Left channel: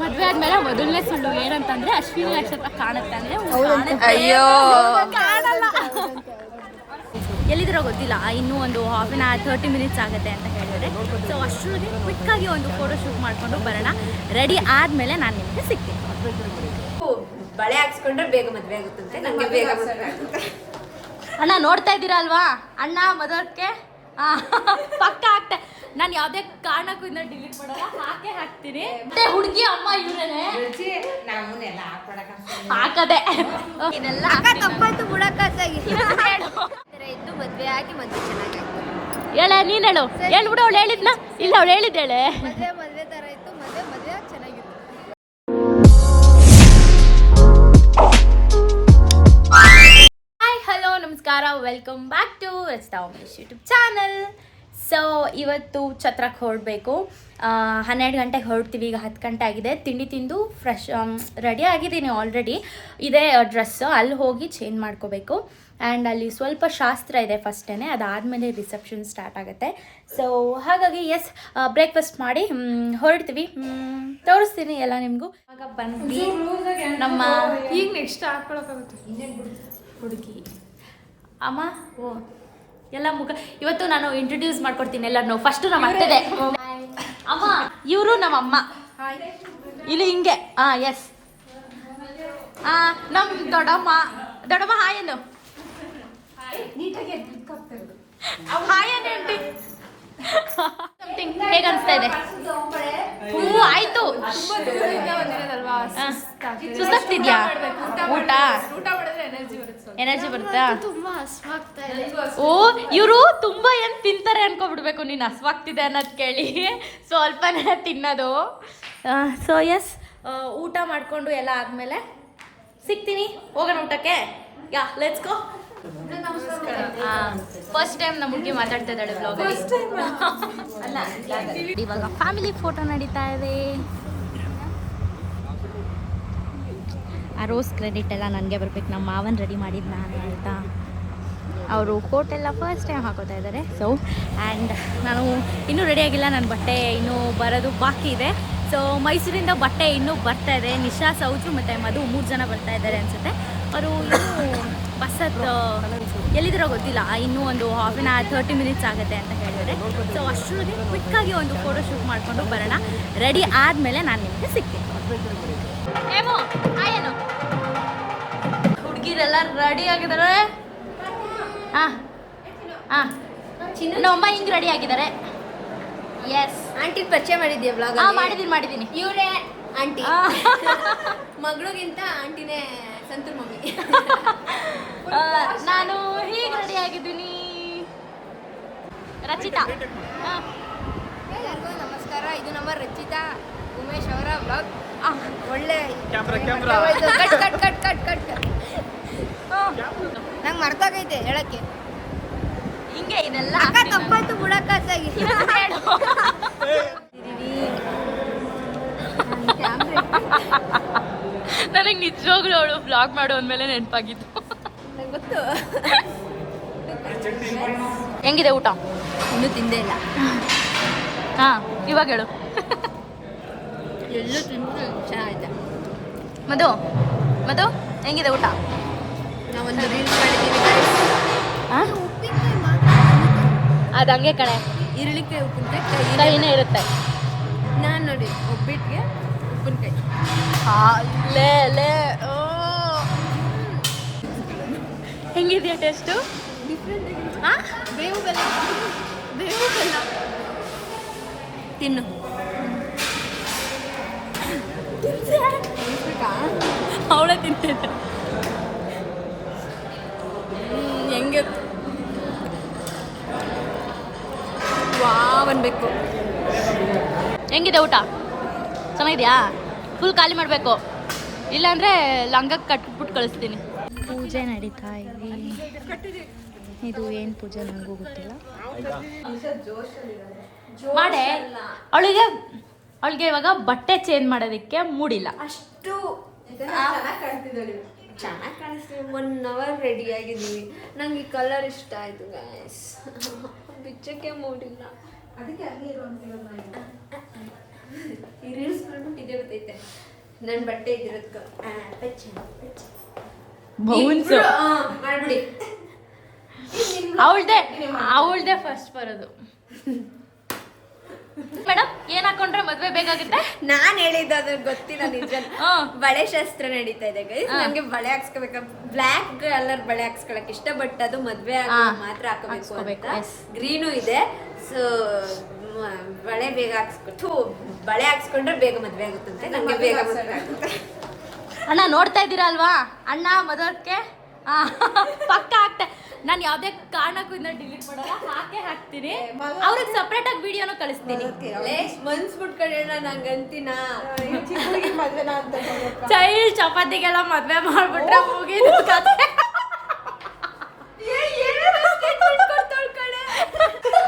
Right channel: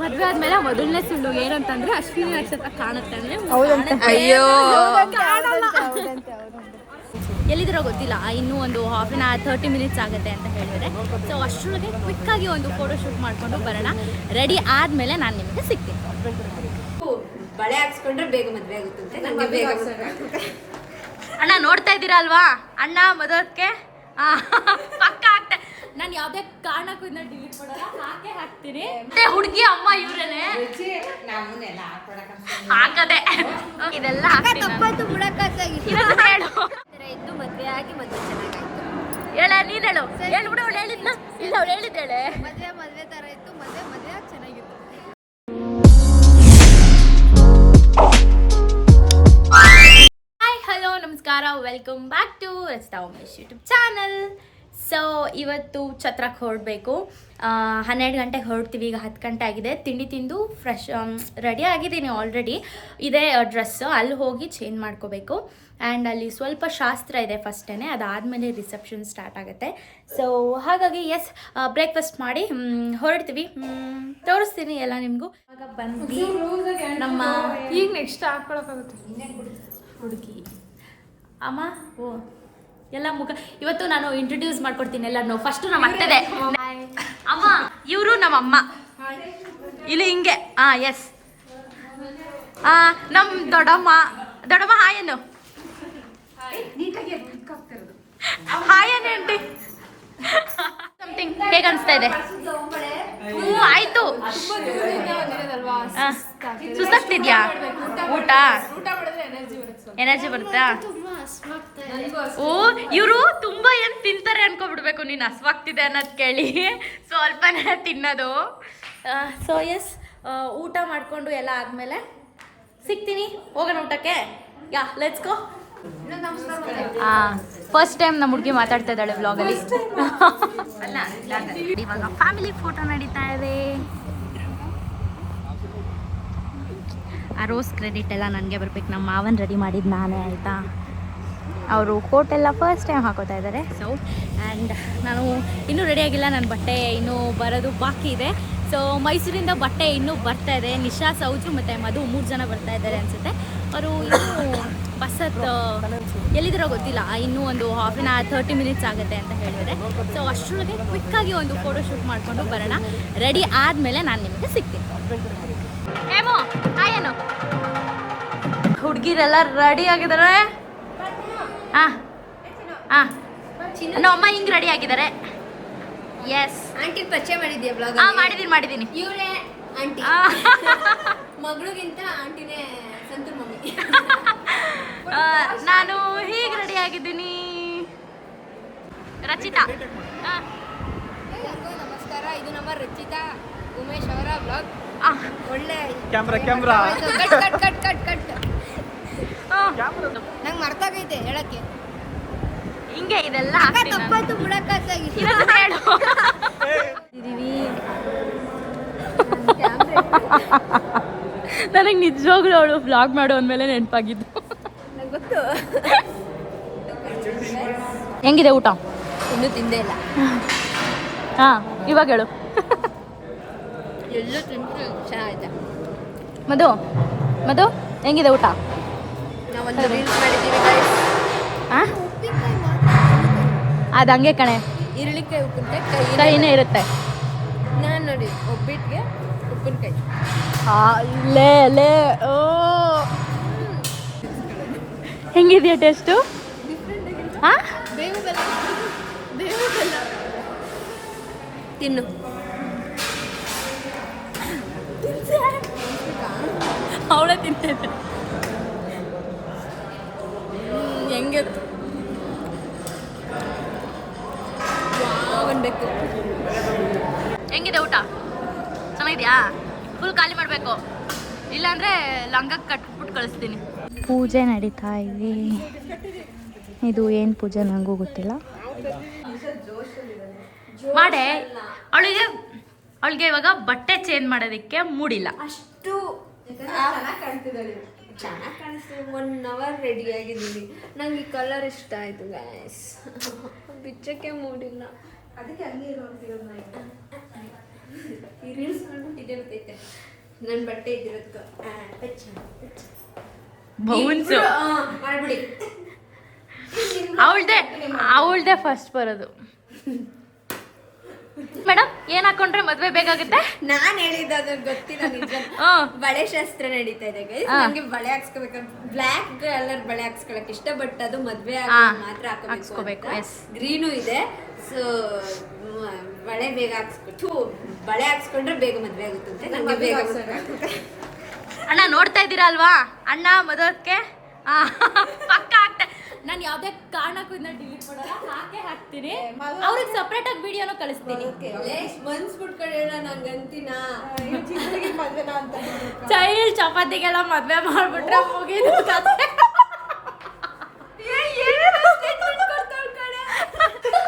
ಮದುವೆ ಆದ್ಮೇಲೆ ಮೊದಲನೇ ಸುಳ್ಳು ಏನಂತಂದ್ರೆ ಅಶ್ವಿನಿ ನಕ್ಷತ್ರ ಕಾಣುತ್ತೆ ಅಂದ್ರೆ ಅಯ್ಯೋ ಕಾಣಲ್ಲ. ಎಲ್ಲಿದಿರೋ ಗೊತ್ತಿಲ್ಲ, ಇನ್ನೂ ಒಂದು ಹಾಫ್ ಆನ್ ಅವರ್ 30 ಮಿನಿಟ್ಸ್ ಆಗುತ್ತೆ ಅಂತ ಹೇಳಿದರೆ. ಸೊ ಅಷ್ಟರೊಳಗೆ ಕ್ವಿಕ್ಕಾಗಿ ಒಂದು ಫೋಟೋ ಶೂಟ್ ಮಾಡಿಕೊಂಡು ಬರೋಣ. ರೆಡಿ ಆದಮೇಲೆ ನಾನು ನಿಮಗೆ ಸಿಗ್ತೀನಿ. ಬಳೆ ಹಾಕ್ಸ್ಕೊಂಡ್ರೆ ಬೇಗ ಮದುವೆ ಆಗುತ್ತಂತೆ, ನನಗೆ ಬೇಗ ಮದುವೆ ಆಗುತ್ತೆ. ಅಣ್ಣ ನೋಡ್ತಾ ಇದ್ದೀರಾ ಅಲ್ವಾ, ಅಣ್ಣ ಮದುವೆಗೆ ಪಕ್ಕ ಆಗ್ತಾ. ನಾನು ಯಾವುದೇ ಕಾರಣಕ್ಕೂ ಇದನ್ನ ಡಿಲೀಟ್ ಮಾಡಲ್ಲ, ಹಾಕ್ತೀನಿ. ಮತ್ತೆ ಹುಡುಗಿ ಅಮ್ಮ ಇವರೇನೆ ಹಾಕದೆ ಇದೆಲ್ಲ ತಪ್ಪಾಯ್ತು ಬಿಡಕ್ಕಾಗಿ ಹೇಳು. ಇದ್ದು ಮದುವೆ ಆಗಿ ಮದುವೆ ಚೆನ್ನಾಗಾಯ್ತು. ಹೇಳ ನೀನು ಹೇಳು ಹೇಳ್ಬಿಡು. ಅವಳು ಹೇಳಿದ್ನ ಇಲ್ಲ, ಅವಳು ಹೇಳಿದ್ದೇಳೆ. ಮದುವೆ ತರ ಇತ್ತು, ಮದುವೆ ಚೆನ್ನಾಗಿತ್ತು. ಹಾಯ್ ಹಲೋ ನಮಸ್ಕಾರ, welcome back to Rachita Umesh YouTube channel. So ಇವತ್ತು ಛತ್ರಕ್ಕೆ ಹೊರಡಬೇಕು. 12 ಗಂಟೆಗೆ ಹೊರಡ್ತೀವಿ. ಈಗ 10 ಗಂಟೆ ಆಗಿದೆ. ತಿಂಡಿ ತಿಂದು ಫ್ರೆಶ್ ರೆಡಿ ಆಗಿದ್ದೀನಿ ಆಲ್ರೆಡಿ. ಇದೇ ಡ್ರೆಸ್ಸು, ಅಲ್ಲಿ ಹೋಗಿ ಚೇಂಜ್ ಮಾಡ್ಕೋಬೇಕು. ಆ್ಯಂಡ್ ಅಲ್ಲಿ ಸ್ವಲ್ಪ ಶಾಸ್ತ್ರ ಇದೆ ಫಸ್ಟೇ, ಅದಾದಮೇಲೆ ರಿಸೆಪ್ಷನ್ ಸ್ಟಾರ್ಟ್ ಆಗುತ್ತೆ. ಸೊ ಹಾಗಾಗಿ ಬ್ರೇಕ್ಫಾಸ್ಟ್ ಮಾಡಿ ಹೊರಡ್ತೀವಿ. ತೋರಿಸ್ತೀನಿ ಎಲ್ಲ ನಿಮಗೂ. ಆಗ ಬಂದ್ವಿ ನಮ್ಮ ಈಗ ನೆಕ್ಸ್ಟ್ ಹಾಕ್ಕೊಳಕ್ಕಾಗುತ್ತೆ ಹುಡುಗಿ ಅಮ್ಮ. ಓ ಎಲ್ಲ ಮುಖ ಇವತ್ತು ನಾನು ಇಂಟ್ರೊಡ್ಯೂಸ್ ಮಾಡ್ಕೊಡ್ತೀನಿ ಎಲ್ಲರನ್ನು. ಫಸ್ಟು ನಮ್ಮ ಅತ್ತೆದೆ ಅಮ್ಮ, ಇವರು ನಮ್ಮ ಅಮ್ಮ. ಇಲ್ಲಿ ಹಿಂಗೆ ಎಸ್ ನಮ್ಮ ದೊಡ್ಡಮ್ಮ ಹಾಯನು ಹಾಯ್ ಆಂಟಿ. ಸಮಥಿಂಗ್ ಹೇಗೆ ಅನಿಸ್ತಾ ಇದೆ? ಆಯ್ತು. ಸುಸ್ತಾಗ್ತಿದ್ಯಾ? ಊಟ ಎನರ್ಜಿ ಬರುತ್ತಾ? ಓ ಇವರು ತುಂಬಾ ಏನು ತಿಂತಾರೆ ಅನ್ಕೊಬಿಡ್ಬೇಕು ನೀನು, ಹಸ್ವಾಗ್ತಿದೆ ಅನ್ನೋದು ಕೇಳಿ ಸ್ವಲ್ಪನೇ ತಿನ್ನೋದು. ಸೊ ಊಟ ಮಾಡಿಕೊಂಡು ಎಲ್ಲ ಆದಮೇಲೆ ಸಿಗ್ತೀನಿ. ಹೋಗೋಣ ಊಟಕ್ಕೆ. Let's go. ಫಸ್ಟ್ ಟೈಮ್ ನಮ್ಮ ಹುಡುಗಿ ಮಾತಾಡ್ತಾ ಇದ್ದಾಳೆ ವ್ಲಾಗಲ್ಲಿ. ಇವಾಗ ಫ್ಯಾಮಿಲಿ ಫೋಟೋ ನಡೀತಾ ಇದೆ. ಆ ರೋಸ್ ಕ್ರೆಡಿಟ್ ಎಲ್ಲ ನನಗೆ ಬರ್ಬೇಕು. ನಮ್ಮ ಮಾವನ್ ರೆಡಿ ಮಾಡಿದ್ದು ನಾನೇ, ಆಯಿತಾ? ಅವರು ಕೋಟ್ ಎಲ್ಲ ಫಸ್ಟ್ ಟೈಮ್ ಹಾಕೋತಾ ಇದ್ದಾರೆ. ಸೊ ಆ್ಯಂಡ್ ನಾನು ಇನ್ನೂ ರೆಡಿಯಾಗಿಲ್ಲ, ನನ್ನ ಬಟ್ಟೆ ಇನ್ನೂ ಬರೋದು ಬಾಕಿ ಇದೆ. ಸೊ ಮೈಸೂರಿಂದ ಬಟ್ಟೆ ಇನ್ನೂ ಬರ್ತಾ ಇದೆ. ನಿಶಾ, ಸೌಜು ಮತ್ತು ಮಧು 3 ಜನ ಬರ್ತಾ ಇದ್ದಾರೆ ಅನಿಸುತ್ತೆ. ಅವರು ಇನ್ನೂ ಬಸ್ಸದ್ದು ಎಲ್ಲಿದಿರೋ ಗೊತ್ತಿಲ್ಲ, ಇನ್ನೂ ಒಂದು ಹಾಫ್ ಆನ್ ಅವರ್ 30 ಮಿನಿಟ್ಸ್ ಆಗುತ್ತೆ ಅಂತ ಹೇಳಿದರೆ. ಸೊ ಅಷ್ಟರೊಳಗೆ ಕ್ವಿಕ್ಕಾಗಿ ಒಂದು ಫೋಟೋ ಶೂಟ್ ಮಾಡಿಕೊಂಡು ಬರೋಣ. ರೆಡಿ ಆದಮೇಲೆ ನಾನು ನಿಮಗೆ ಸಿಗ್ತೀನಿ. ಏಮೋ ಏನು ಹುಡುಗಿರೆಲ್ಲ ರೆಡಿ ಆಗಿದ್ದಾರೆ. ನಮ್ಮಮ್ಮ ಹಿಂಗೆ ರೆಡಿ ಆಗಿದ್ದಾರೆ. ಎಸ್ ಆಂಟಿ ಪರಿಚಯ ಮಾಡಿದ್ಯಾ ಬ್ಲಾಗ್? ಮಾಡಿದ್ದೀನಿ. ಇವರೇ ಆಂಟಿ. ಮಗಳಿಗಿಂತ ಆಂಟಿನೇ ಸಂತೂರ್ ಮಮ್ಮಿ. ನಾನು ಹೀಗೆ ರೆಡಿ ಆಗಿದ್ದೀನಿ. ರಚಿತಾ. ಎಲ್ಲರಿಗೂ ನಮಸ್ಕಾರ. ಇದು ನಮ್ಮ ರಚಿತಾ ಉಮೇಶ್ ಅವರ ಬ್ಲಾಗ್. ಒಳ್ಳೆ cut cut cut cut cut ನಂಗೆ ಮರ್ತೋಗೈತೆ ಹೇಳಕ್ಕೆ. ಹಿಂಗೆ ಇದೆಲ್ಲ ತಪ್ಪಾಯ್ತು ಬಿಡಕ್ಕಾಗಿ ಹೇಳು. ನನಗೆ ನಿಜವಾಗ್ಲೂ ಅವಳು ವ್ಲಾಗ್ ಮಾಡು ಅಂದಮೇಲೆ ನೆನಪಾಗಿದ್ದು. ನಂಗೆ ಗೊತ್ತು. ಹೆಂಗಿದೆ ಊಟ? ಇನ್ನೂ ತಿಂದೇ ಇಲ್ಲ. ಇವಾಗ ಹೇಳು. ಎಲ್ಲೂ ತಿಂದು ಚೆನ್ನಾಗಿದೆ. ಮಧು ಹೆಂಗಿದೆ ಊಟ? ನಾವೊಂದು ರೀಲ್ಸ್ ಮಾಡಿದ್ದೀವಿ ಗೈಸ್. ಉಪ್ಪಿನಕಾಯಿ ಅದು ಹಂಗೆ ಕಣೆ, ಈರುಳ್ಳಿಕಾಯಿ ಉಪ್ಪಿನಕಾಯಿ ಕೈನೇ ಇರುತ್ತೆ. ನಾನು ನೋಡಿ ಒಬ್ಬಿಟ್ಟಿಗೆ ಉಪ್ಪಿನಕಾಯಿ. ಓ ಹೆಂಗಿದೆಯಾ ಟೇಸ್ಟು? ಡಿಫ್ರೆಂಟ್ ಆಗಿದೆ. ಬೇವು ಬೆಲ್ಲ ತಿನ್ನು. ಅವಳೇ ತಿಂತಿದ್ದೆ. ಹೆಂಗೆ ವಾವ್ ಅನ್ಬೇಕು. ಹೆಂಗಿದೆ ಊಟ? ಚೆನ್ನಾಗಿದೆಯಾ? ಫುಲ್ ಖಾಲಿ ಮಾಡಬೇಕು, ಇಲ್ಲಾಂದರೆ ಲಂಗಕ್ಕೆ ಕಟ್ಬಿಟ್ಟು ಕಳಿಸ್ತೀನಿ. ಪೂಜೆ ನಡೀತಾ ಇದೆ. ಇದು ಏನು ಪೂಜೆ ನನಗೂ ಗೊತ್ತಿಲ್ಲ. ಮಾಡೇ ಅವಳಿಗೆ ಇವಾಗ ಬಟ್ಟೆ ಚೇಂಜ್ ಮಾಡೋದಕ್ಕೆ ಮೂಡಿಲ್ಲ. ಅಷ್ಟು ಚೆನ್ನಾಗಿ ಕಾಣಿಸ್ತೀವಿ. 1 ಅವರ್ ರೆಡಿ ಆಗಿದ್ದೀವಿ. ನಂಗೆ ಈ ಕಲರ್ ಇಷ್ಟ ಆಯಿತು ಗೈಸ್. ಬಿಚ್ಚಕ್ಕೆ ಮೂಡಿಲ್ಲ, ಅದಕ್ಕೆ ಹಂಗೆ ಈ ರೀಲ್ಸ್ ಮಾಡ್ಬಿಟ್ಟು ಇದೇ ಗೊತ್ತೈತೆ ನನ್ನ ಬಟ್ಟೆ ಇದ್ದಿರೋದ್ಕ ಬೌನ್ಸು ಮಾಡ್ಬಿಡಿ ಅವಳ್ದೆ ಫಸ್ಟ್ ಬರೋದು. ಮೇಡಮ್ ಏನ್ ಹಾಕೊಂಡ್ರೆ ಮದ್ವೆ ಬೇಕಾಗುತ್ತೆ? ನಾನ್ ಹೇಳಿದ್ದು ಅದು ಗೊತ್ತಿಲ್ಲ ನಿಜ. ಬಳೆ ಶಾಸ್ತ್ರ ನಡೀತಾ ಇದೆ ಗೈಸ್. ನಂಗೆ ಬಳೆ ಹಾಕ್ಸ್ಕೋಬೇಕು, ಬ್ಲ್ಯಾಕ್ ಕಲರ್ ಬಳೆ ಹಾಕ್ಸ್ಕೊಳಕ್ ಇಷ್ಟ, ಬಟ್ ಅದು ಮದ್ವೆ ಮಾತ್ರ ಹಾಕೋಬೇಕು ಅಂತ. ಗ್ರೀನು ಇದೆ. ಸೊ ಬಳೆ ಬೇಗ ಬಳೆ ಹಾಕ್ಸ್ಕೊಂಡ್ರೆ ಬೇಗ ಮದ್ವೆ ಆಗುತ್ತಂತೆ. ನಂಗೆ ಬೇಗ ಮದ್ವೆ ಆಗುತ್ತೆ. ಅಣ್ಣ ನೋಡ್ತಾ ಇದ್ದೀರಾ ಅಲ್ವಾ, ಅಣ್ಣ ಮದುವೆ ಪಕ್ಕ ಆಗ್ತಾ. ನಾನು ಯಾವುದೇ ಕಾರಣಕ್ಕೂ ಇದನ್ನ ಡಿಲೀಟ್ ಮಾಡಲ್ಲ, ಹಾಕ್ತೀನಿ. ಅವ್ರಿಗೆ ಸಪ್ರೇಟ್ ಆಗಿ ವಿಡಿಯೋನು ಕಳಿಸ್ತೀನಿ. ಮನ್ಸ್ ಬಿಟ್ಕೊಳ್ಳೋಣ ನಂಗಂತಿನ ಚೈಲ್ಡ್ ಚಪಾತಿಗೆಲ್ಲ ಮದ್ವೆ ಮಾಡ್ಬಿಟ್ರೆ ಮುಗಿದು ಕತೆ.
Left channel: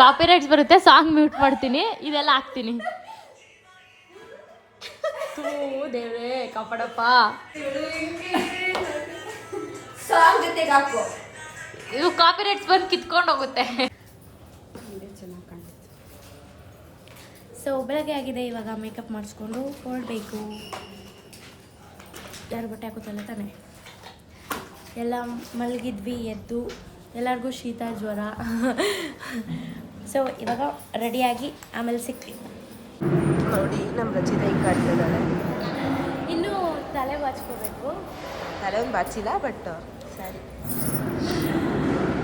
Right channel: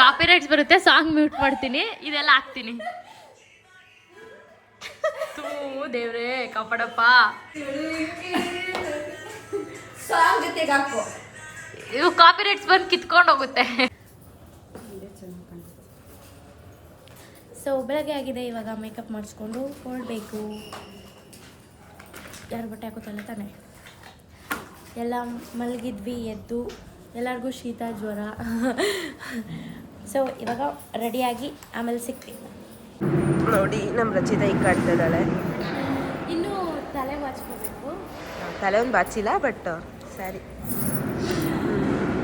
ಕಾಪಿರೈಟ್ಸ್ ಬರುತ್ತೆ, ಸಾಂಗ್ ಮ್ಯೂಟ್ ಮಾಡ್ತೀನಿ, ಇದೆಲ್ಲ ಹಾಕ್ತೀನಿ. ದೇವ್ರೇ ಕಾಪಾಡಪ್ಪ. ಸಾಂಗ್ ಜೊತೆಗೆ ಹಾಕೋ, ಇದು ಕಾಪಿರೈಟ್ಸ್ ಬಂದು ಕಿತ್ಕೊಂಡು ಹೋಗುತ್ತೆ. ಸೊ ಬೆಳಗ್ಗೆ ಆಗಿದೆ, ಇವಾಗ ಮೇಕಪ್ ಮಾಡಿಸ್ಕೊಂಡು ಹೊರಡಬೇಕು. ಯಾರು ಬಟ್ಟೆ ಹಾಕೋತಲ್ಲ ತಾನೆ, ಎಲ್ಲ ಮಲಗಿದ್ವಿ, ಎದ್ದು ಎಲ್ಲರಿಗೂ ಶೀತ ಜ್ವರ. ಸೊ ಇವಾಗ ರೆಡಿಯಾಗಿ ಆಮೇಲೆ ಸಿಗ್ತೀವಿ. ನೋಡಿ ನಮ್ಮ ರಚಿತ ಈಗ ಕಾಡ್ತಿದ್ದಾಳೆ. ಇನ್ನೂ ತಲೆ ಬಾಚ್ಕೋಬೇಕು. ತಲೆ ಒಂದು ಬಾಚಿಲ್ಲ, ಬಟ್ ಸರಿ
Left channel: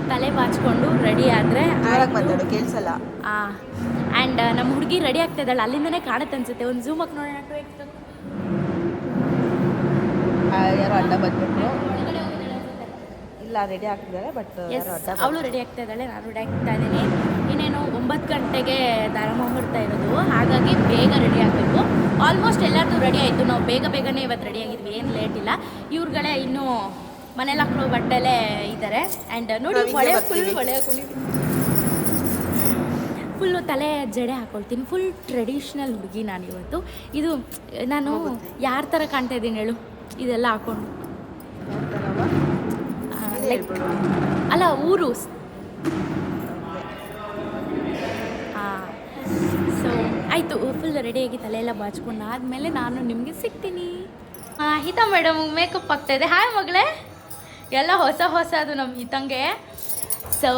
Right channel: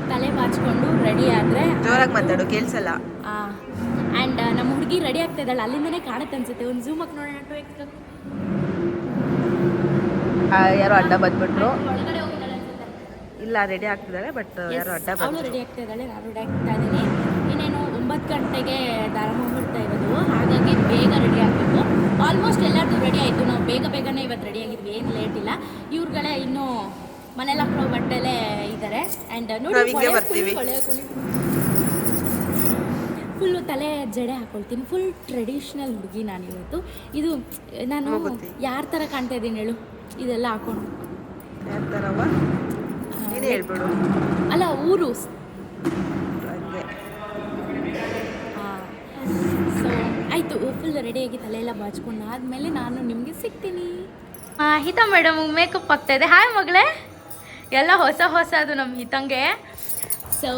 ತಲೆ ಬಾಚ್ಕೊಂಡು ರೆಡಿ ಆದರೆ ಜೋರಾಗಿ ಮಾತಾಡು, ಕೇಳಿಸಲ್ಲ. ಆ್ಯಂಡ್ ನಮ್ಮ ಹುಡುಗಿ ರೆಡಿ ಆಗ್ತಾ ಇದ್ದಾಳೆ, ಅಲ್ಲಿಂದನೇ ಕಾಣುತ್ತೆ ಅನ್ಸುತ್ತೆ. ಒಂದು ಝೂಮ್ ಹಾಕಿ ನೋಡೋಣ. ಯಾರೋ ಅಡ್ಡ ಬಂದ್ಬಿಟ್ರು. ಒಳಗಡೆ ಹೋಗಿದ್ದಾಳೆ ಅನ್ಸುತ್ತೆ. ಇಲ್ಲ, ರೆಡಿ ಆಗ್ತಿದ್ದಾಳೆ, ಬಟ್ ಯಾರೋ ಅಡ್ಡ ಅವಳು ರೆಡಿ ಆಗ್ತಾ ಇದ್ದಾಳೆ, ನಾನು ರೆಡಿ ಆಗ್ತಾ ಇದ್ದೀನಿ. ಇನ್ನೇನು 9 ಗಂಟೆಗೆ ದಾರ ಮುಹೂರ್ತ ಇರೋದು, ಹಾಗಾಗಿ ಬೇಗ ರೆಡಿ ಆಗಬೇಕು. ಆಲ್ಮೋಸ್ಟ್ ಎಲ್ಲರದ್ದು ರೆಡಿ ಆಯಿತು, ನಾವು ಬೇಗನೆ ಇವತ್ತು ರೆಡಿ ಆಗಿದ್ವಿ, ಏನು ಲೇಟ್ ಇಲ್ಲ. ಇವ್ರುಗಳೇ ಇನ್ನೂ ಮನೇಲಿ ಹಾಕೊಳ್ಳೋ ಬಟ್ಟೆಲೇ ಇದ್ದಾರೆ. ಆ್ಯಂಡ್ ನೋಡಿ ಫುಲ್ಲು ತಲೆ ಜಡೆ ಹಾಕೊಳ್ತೀನಿ. ಫುಲ್ ಟ್ರೆಡಿಷ್ನಲ್ ಹುಡುಗಿ ನಾನು ಇವತ್ತು. ಇದು ನಾನು ಯಾರ ಥರ ಕಾಣ್ತಾ ಇದ್ದೀನಿ ಹೇಳು, ಇದೆಲ್ಲ ಹಾಕೊಂಡು? ಅಲ್ಲ, ಊರು. ಸೊ ಆಯಿತು, ಫುಲ್ ರೆಡಿಯಾಗಿ ತಲೆಯೆಲ್ಲ ಬಾಚ್ಕೊಂಡು ಆದಮೇಲೆ ನಾನು ನಿಮಗೆ ಸಿಗ್ತೀನಿ. ಹಿತಾ ಮೇಡಮ್ ಮೇಕಪ್ ಆಗ್ತಾಯಿದೆ. ಹಾಯ್ ಮಗಳೇ, ಎಲ್ಲ ಹೊಸದು ನಮ್ಮ ಹಿತಂಗೆ. ಸೊ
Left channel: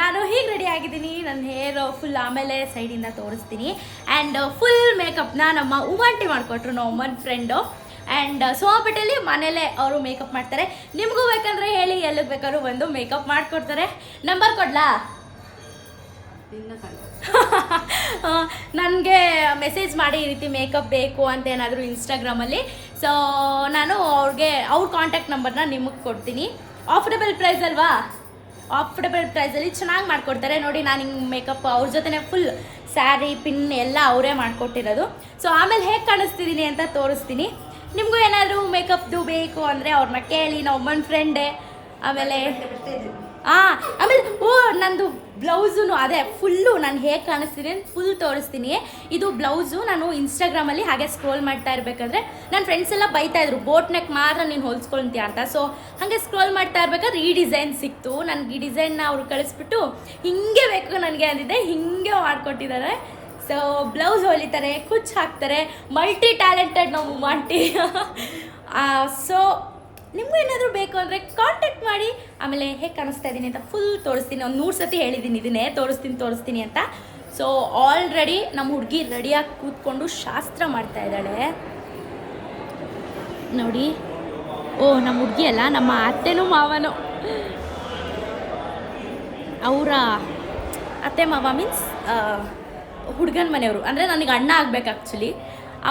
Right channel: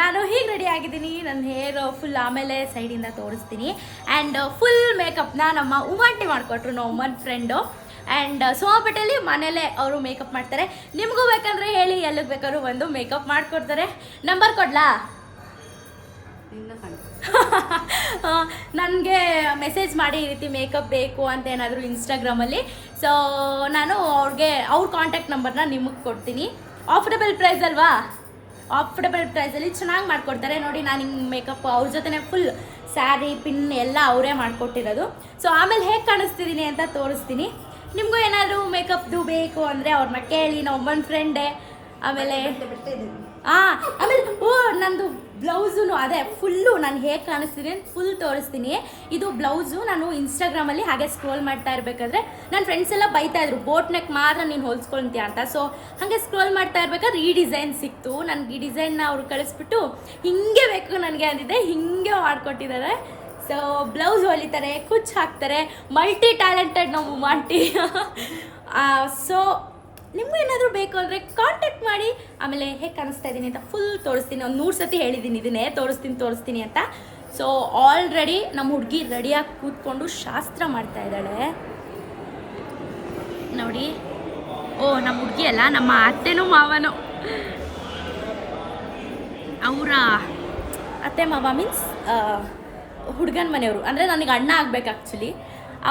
ನಾನು ಹೀಗೆ ರೆಡಿ ಆಗಿದ್ದೀನಿ. ನನ್ನ ಹೇರ್ ಫುಲ್ ಆಮೇಲೆ ಸೈಡಿಂದ ತೋರಿಸ್ತೀನಿ. ಆ್ಯಂಡ್ ಫುಲ್ ಮೇಕಪ್ನ ನಮ್ಮ ಉಮಾಂಟಿ ಮಾಡಿಕೊಟ್ರು, ನಮ್ಮ ಉಮ್ಮನ್ ಫ್ರೆಂಡು. ಆ್ಯಂಡ್ ಸೋಮಪೇಟೆಯಲ್ಲಿ ಮನೇಲೇ ಅವರು ಮೇಕಪ್ ಮಾಡ್ತಾರೆ. ನಿಮಗೂ ಬೇಕಂದರೆ ಹೇಳಿ, ಎಲ್ಲಿಗೆ ಬೇಕಾದ್ರೂ ಬಂದು ಮೇಕಪ್ ಮಾಡಿಕೊಡ್ತಾರೆ. ನಂಬರ್ ಕೊಡ್ಲಾ? ನನಗೆ ಮೆಸೇಜ್ ಮಾಡಿ ಈ ರೀತಿ ಮೇಕಪ್ ಬೇಕು ಅಂತ ಏನಾದರೂ ಇನ್ಸ್ಟಾಗ್ರಾಮಲ್ಲಿ. ಸೊ ನಾನು ಅವ್ರ ಕಾಂಟ್ಯಾಕ್ಟ್ ನಂಬರ್ನ ನಿಮಗೆ ಕೊಡ್ತೀನಿ. ಆಫರ್ಡಬಲ್ ಪ್ರೈಸ್ ಅಲ್ವಾ? ಆಫರ್ಡಬಲ್ ಪ್ರೈಸಲ್ಲಿ ಚೆನ್ನಾಗಿ ಮಾಡಿಕೊಡ್ತಾರೆ. ನೋಡಿ, ನಾನು ಹಿಂಗೆ ಮೇಕಪ್ ಅವ್ರ ಜೊತೆ ಫುಲ್ ಸ್ಯಾರಿ ಪಿನ್ ಎಲ್ಲ ಅವರೇ ಮಾಡಿಕೊಟ್ಟಿರೋದು. ಸೊ ಆಮೇಲೆ ಹೇಗೆ ಕಾಣಿಸ್ತಿದ್ದೀನಿ ಅಂತ ತೋರಿಸ್ತೀನಿ. ನಿಮಗೂ ಏನಾದರೂ ಮೇಕಪ್ದು ಬೇಕು ಅಂದರೆ ಅವ್ರನ್ನ ಕೇಳಿ, ನಾವು ಒಮ್ಮನ್ ಫ್ರೆಂಡೇ. ಆಮೇಲೆ ನಂದು ಬ್ಲೌಸು ಅದೇ ಫುಲ್ಲು ನಾನು ಹೇಗೆ ಕಾಣಿಸ್ತೀನಿ ಅಂತ ಫುಲ್ ತೋರಿಸ್ತೀನಿ. ಇದು ಬ್ಲೌಸು ನಾನು ಇನ್ಸ್ಟಾಗ್ರಾಮಲ್ಲಿ ಹಾಗೆ ಸ್ಕ್ರೋಲ್ ಮಾಡ್ತಾ ಇರಬೇಕಾದ್ರೆ ನನ್ನ ಫ್ರೆಂಡ್ಸ್ ಎಲ್ಲ ಬೈತಾಯಿದ್ರು, ಬೋಟ್ ನೆಕ್ ಮಾತ್ರ ನೀನು ಹೊಲ್ಸ್ಕೊಳ್ತೀಯ ಅಂತ. ಸೊ ಹಾಗೆ ಸ್ಕ್ರೋಲ್ ಮಾಡ್ತಾ ಇರ್ಬೇಕಾದ್ರೆ ಈ ಡಿಸೈನ್ ಸಿಕ್ತು ನನಗೆ. ಈ ಡಿಸೈನ್ನ ಅವ್ರು ಕಳಿಸ್ಬಿಟ್ಟು ಹಿಂಗೆ ಬೇಕು ನನಗೆ ಅಂದಿದ್ದೆ, ಹಿಂಗೆ ಮಾಡಿಕೊಟ್ಟಿದ್ದಾರೆ. ಸೊ ಬ್ಲೌಸ್ ಹೊಲಿತಾರೆ, ಕುಚ್ಚು ಹಾಕ್ತಾರೆ, ಮಲ್ಟಿ ಟ್ಯಾಲೆಂಟೆಡ್ ನಾವು ಆಂಟಿ. ಸೊ ನಿಮಗೂ ಏನಾದರೂ ಬೇಕು ಅಂದರೆ ಕಾಂಟ್ಯಾಕ್ಟ್ ಮಾಡಿ. ಆಮೇಲೆ ಹೇಗೆ ಕಾಣಿಸ್ತಾ ಇದ್ದೀನಿ ಅಂತ ಫುಲ್ ತೋರಿಸ್ತೀನಿ. ಒಂದು 100 ಸತಿ ಹೇಳಿದ್ದೀನಿ ಇದನ್ನೇ, ತೋರಿಸ್ತೀನಿ ಅಂತ. ಸೊ ಆಲ್ರೆಡಿ ನಮ್ಮ ಹುಡುಗಿ ರೆಡಿಯಾಗಿ ಕೂತ್ಕೊಂಡು ಶಾಸ್ತ್ರ ಮಾಡ್ತಾ ಇದ್ದಾಳೆ ನೋಡಿ. ನಮ್ಮ ಹುಡುಗಿ ಅಲ್ಲ, ನಮ್ಮ ಅತ್ತೆನೂ ಮಾವನೂ. ಅವರ ಅತ್ತೆ ಮಾವ ಮೀನ್ಸ್ ಹುಡುಗನ ಮನೆಯವರು, ಅಂದರೆ ನನಗೆ ಅಣ್ಣ ಆಗಬೇಕು ಆ್ಯಕ್ಚುಲಿ.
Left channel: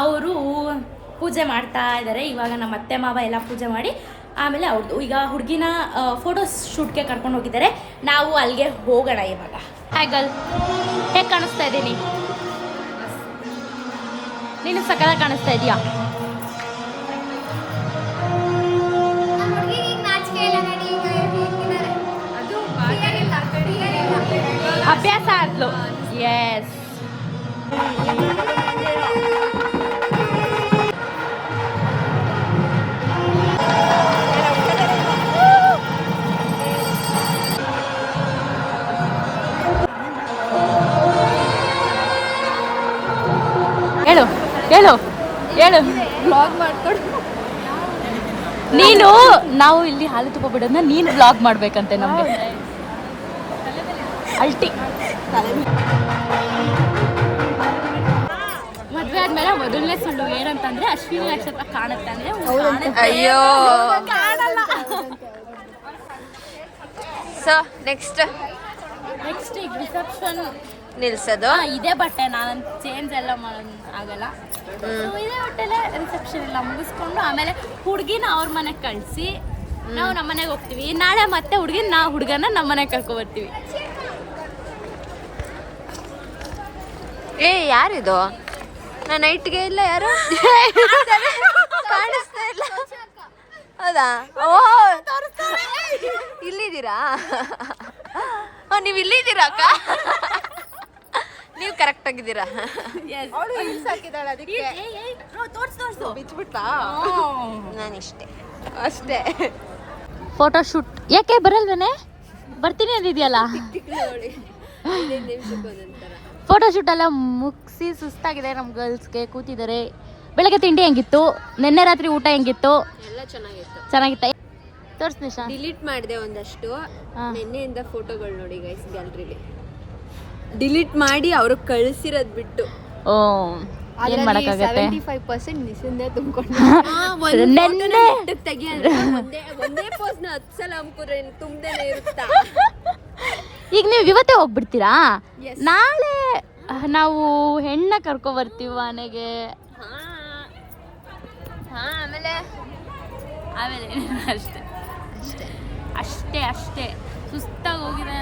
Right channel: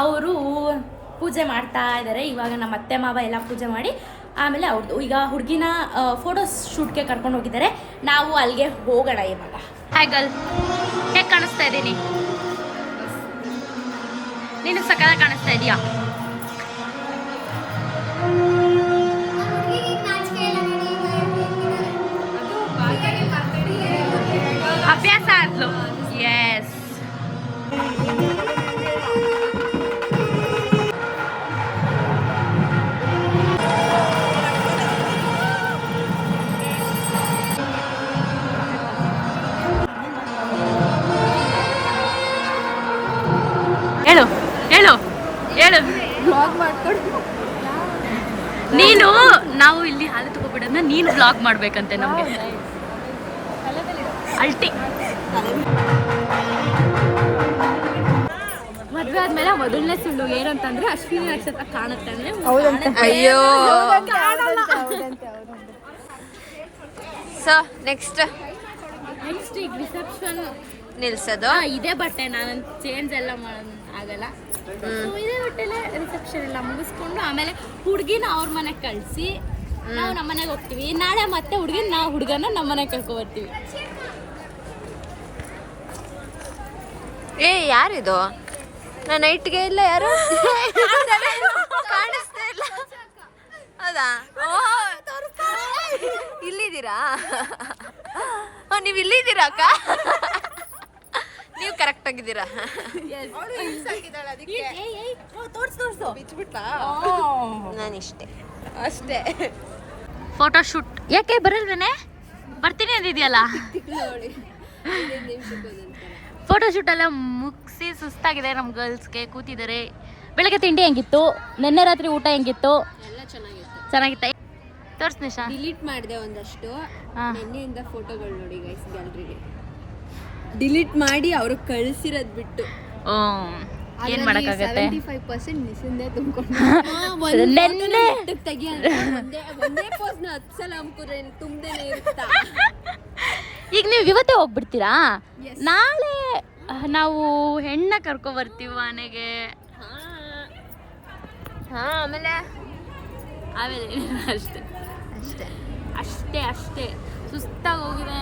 ಅವರು ಪೂಜೆ ಮಾಡ್ತಾ ಇದ್ದಾರೆ ಇವಾಗ. ನಮ್ಮ ಅತ್ತೆ ಮಾವ ಎಲ್ಲ ಪೂಜೆ ಮಾಡಿ ಆಮೇಲೆ ಅವ್ರದ್ದು ಈಗ ಹುಡುಗಿನ ಫೋಟೋ ಶೂಟ್ಗೆ ಕರ್ಕೊಂಡು ಹೋಗಿದ್ದಾರೆ. ನಾವು ಅಲ್ಲಿಗೆ ಹೋಗೋಣ ಇವಾಗ. ಹಾಯ್ ಗರ್ಲ್, ಹೇಗೆ ಕಾಣಿಸ್ತಾ ಇದ್ದೀನಿ? ನೀನು ಸಕಲ ಕಾಣಿಸ್ತಾ ಇದೆಯಾ? ಅಭ್ಯಾಸ ಆದ್ಲು. ಎಸ್, ಹೇಳು. ಹೇಳು ಬ್ಲಾಗ್ ಮಾಡ್ಕೊಂಡು ನೀನು ನಾವು ಇಲ್ಲಿ ಹಾಲು ತುಪ್ಪ ಬಿಡೋದನ್ನ ನೀನು ಬ್ಲಾಗ್ ಮಾಡ್ಬೇಕಂತೆ ನಮಗೆ ಅಲ್ಟಿ ಮದ್ವೆ ಆದ್ಮೇಲೆ ಮೊದಲನೇ ಸುಳ್ಳು ಏನಂತಂದ್ರೆ ಅಶ್ವಿನಿ ನಕ್ಷತ್ರ ಕಾಣುತ್ತೆ ಅಂದ್ರೆ ಅಯ್ಯೋ ಸೊ ನೆಕ್ಸ್ಟ್ ಈಗ ರಿಸೆಪ್ಷನ್ ನಿಲ್ಸೋದು ಇದೇ ಬಟ್ಟೆ ನಾನು ಚೇಂಜ್ ಎಲ್ಲ ಆಗಲ್ಲ So, ಇದೇ ಬಟ್ಟೆಲ್ಲ ರಿಸೆಪ್ಷನ್ ಎಲ್ಲ ಮುಗಿಸ್ಕೊಂಡು ಆಮೇಲೆ ಹುಡುಗಿನ ಅವ್ರ ಮನೆಗೆ ಕಳಿಸಿ ನಾವು ನಮ್ಮ ಮನೆಗೆ ಹೋಗ್ತೀವಿ ನಾಳೆ ಮತ್ತೆ ಹುಡುಗನ ನಮ್ಮ ಮನೆಗೆ ಕರ್ಕೊ ಬರ್ತೀವಿ ಏ ಯಾರಿದು ನನ್ನ ನೈಟ್ಗೆ ಇಲ್ಲ ಯಾರು ಕಾಣಿಸ್ತಾ ಇಲ್ಲ ಹೌದಾ ಇಲ್ಲಿದ್ದೀರಾ ನೀವು ಇಲ್ಲಿದ್ದೀರಾ ಅಕ್ಕ ನೀವು ಕರೆಕ್ಟ್ ಆಗಿದ್ದೀರಾ ನಾನು ಇಷ್ಟೇ ಅಷ್ಟೇ ಫೋಟೋ ಶೂಟ್ ಯಾಕೆ ಬರಲ್ವೇನೆ ಬರ್ತೀನಿ ಅಂದಿದ್ಯಲ್ಲ ಫೋಟೋ ಶೂಟ್ ಎಲ್ಲ ಮುಗಿಸಿ ಸುಸ್ತಾಗಿದೆ ನಮ್ಮ ಗರ್ಲ್ಸ್ಗೆ ಕೂತಿದ್ದಾರೆ ಬೆಳಗ್ಗೆ ತಿಂಡಿ ಹೆಂಗಿತ್ತು ನಿನ್ನೆ ರಾತ್ರಿ ಊಟ ಹೆಂಗಿತ್ತು ಎಲ್ಲ ಚೆನ್ನಾಗಿತ್ತ ತೋರ್ಸ್ ನಿಶಾ ಡಿಲೀಟ್ ಮಾಡಿದೆ ಒಂದಷ್ಟು ನಿನ್ನೆಯಿಂದ ಫೋಟೋಗಳು ನೋಡಿ ಗೈಸ್ ಗ್ಯಾಲರಿಲಿ ಡಿಲೀಟ್ ಮಾಡಿ ಅವ್ರಿಗೆ ಕಳಿಸಿರೋದ್ ಬಿಟ್ಟು ಓ ಏನ್ ಮಾಡಕ್ಕಾಗತ್ತೆ 75% ನಿಸಿಂದೆ ತುಂಬಿಕೊಂಡು ತೆಗಿ ಅಂದ್ರೆ ಒಂದೇ ಪೋಸ್ನ 10 ಸಲ ಅಮ್ಕುದ್ರೆ ತುಂಬ್ದೇನೆ ಇರುತ್ತಾ ಈಗ ನೀವು ಇವತ್ತೇ ಹೋಗ್ಬಿಡ್ತೀರಾ ನಾಳೆ ನಾವು ಹೆಣ್ಣ ಕರ್ಕೊ ಬರ್ತೀವಿ ಮನೆಗೆ ಆಮೇಲೆ ಅಷ್ಟೇ ಅಷ್ಟೇ ಅಷ್ಟೇ ಅಷ್ಟೇ ಸುಸ್ತಾಗಿ ಹೋಗಿದೆ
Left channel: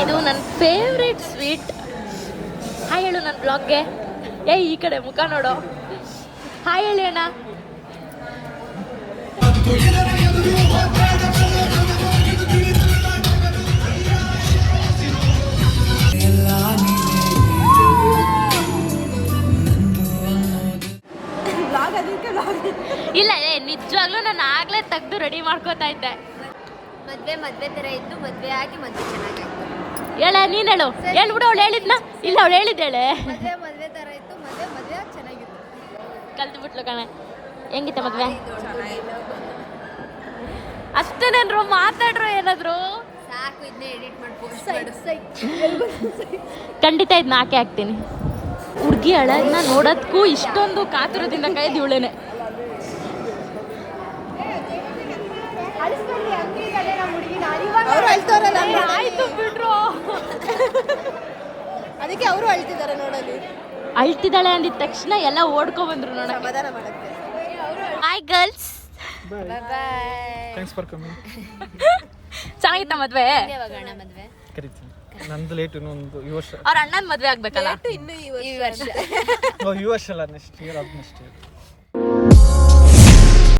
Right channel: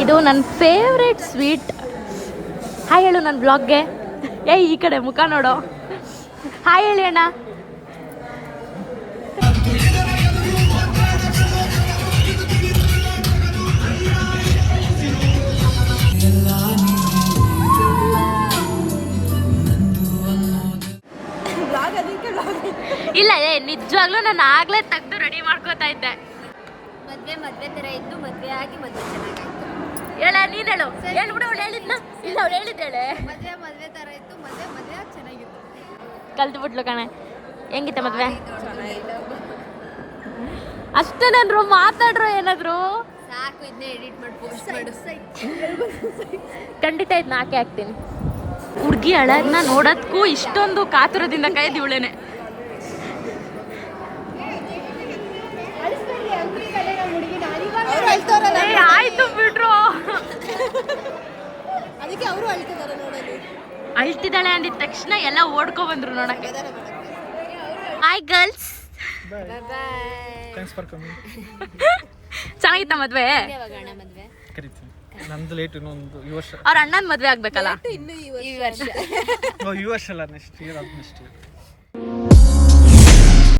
ಇದು ನನ್ನ ಫೇವ್ರೆಟ್ ಸ್ವೀಟ್ ಹಾಯ್ ಹೇಳು ನನ್ನ ಬ್ಲಾಗ್ಗೆ ಈ ಕಡೆ ಮುಖ ನೋಡು ಹಾಯ್ ಹೇಳಿ ಅಣ್ಣ ಇಲ್ಲ ನಿಜವಾಗ್ಲೂ ನಾನು ಆಗ್ಲೇ ತೆಗ್ದು ರೆಡಿ ಮಾಡ್ಕೋತಾ ಇದ್ದೆ ಮದ್ವೆ ತರ ಇದ್ದು ಮದ್ವೆ ಆಗಿ ಮದ್ವೆ ಚೆನ್ನಾಗಾಯ್ತು ಹೇಳ ನೀನ್ ಹೇಳು ಹೇಳ್ಬಿಡು ಅವಳು ಹೇಳಿದ್ನ ಇಲ್ಲ ಅವಳು ಹೇಳಿದ್ದೇಳೆ ಮದ್ವೆ ತರ ಇತ್ತು ಮದ್ವೆ ಚೆನ್ನಾಗಿತ್ತು ಕಲ್ತ್ಬಿಟ್ಲು ಕಣೆ ಹೆಂಗಿತ್ತ ಮದ್ವೆ ಚೆನ್ನಾಗಿತ್ತು ಅಷ್ಟೇನೇನ್ರು ಮಾತಾಡ್ರು ಏನಾದ್ರು ಸಾಕು ಇದನ್ನೇ ಎಡಿಟ್ ಮಾಡಿ ಪೋಸ್ಟ್ ಮಾಡು ಖಂಡಿತ ಇದನ್ನ ಹಾಕಿ ಹಾಕ್ತೀನಿ ಹುಡುಗಿ ಅಳಗ್ನ ನೋಡೋದಕ್ಕೂ ಇಷ್ಟೊಂದು ಕಾತುರದಿಂದ ಕಾಯ್ದು ಇವಳೇನೆ ಆಯ್ತು ಬಿಡ್ರು ಅದಕ್ಕೆ ಅವರು ಅಳ್ತಿದ್ದಾರೆ ನೋಡಲಿ ಅಳ್ತಿದ್ದಾಳೆ ಅಂದಿದ ತಕ್ಷಣ ಎಲ್ಲ ಓಡ್ಕೊ ಬಂದ್ರು ನೋಡಕ್ಕೆ hi girls thanks for coming ಚೆನ್ನಾಗಿತ್ತ ಮದ್ವೆ ಮದ್ವೆ ಕರಿತೀನಿ ನಂದು ಲೇಟ್ ಇನ್ನೊಂದು ಈ ವರ್ಷ ಅವ್ರ ಅಣ್ಣನ ಮದ್ವೆ ಆಗ್ಬೇಕಲ್ಲ ಇನ್ನು ಈ ವರ್ಷ ಈ ವರ್ಷ ಅಲ್ಲ next year of next year